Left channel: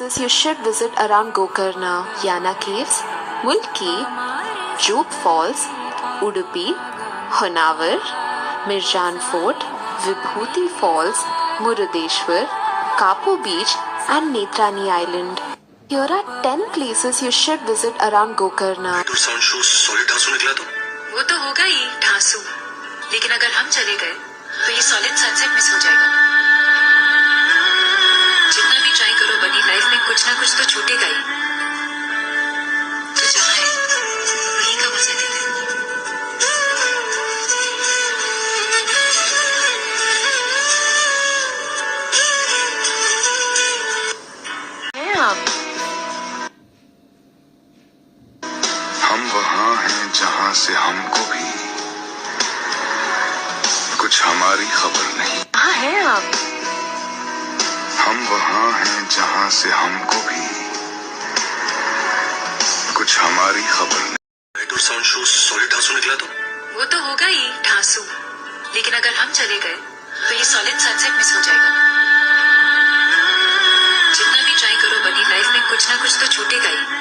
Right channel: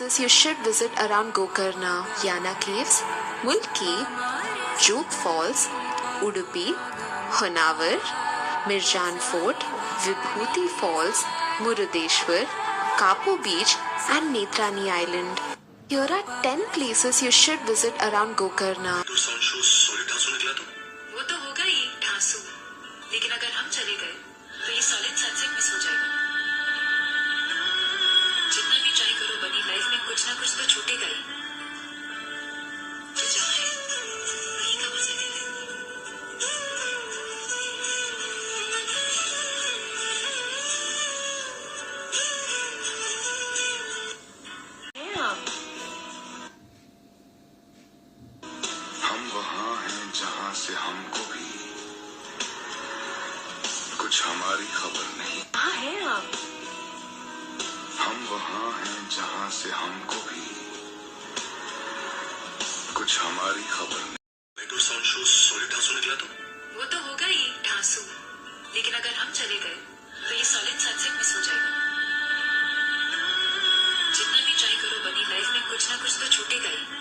You should visit around Gokarna, Yana Caves, Mulki, Joog Falls, Udupi, Honavar, Mirjan Fort, Vibhuti Falls, Murudeshwar, Kapu Beach and Netrani Island. Here are 10 places you should visit around Gokarna. Sound show solid ढांसू निकला तो वो तो होगा ही ढांसू, लेकिन अगर हम चले गए तो ये सॉलिड सनसेट मिस हो जाएगा। जितना भी ट्राई करो बनी, लाइफ में कुछ ना कुछ तो छूटेगा ही। तो जहाँ है वहीं का मजा लेते हैं। हम वहाँ हैं जहाँ से हमको भी कुछ हमारी खबर नहीं। कहाँ हैं आप? हम वहाँ हैं जहाँ से हमको भी कुछ हमारी खबर नहीं। लाइट और साउंड शो सॉलिड ढांसू निकला तो वो तो होगा ही ढांसू, लेकिन अगर हम चले गए तो ये सॉलिड सनसेट मिस हो जाएगा। जितना भी ट्राई करो बनी, लाइफ में कुछ ना कुछ तो छूटेगा ही।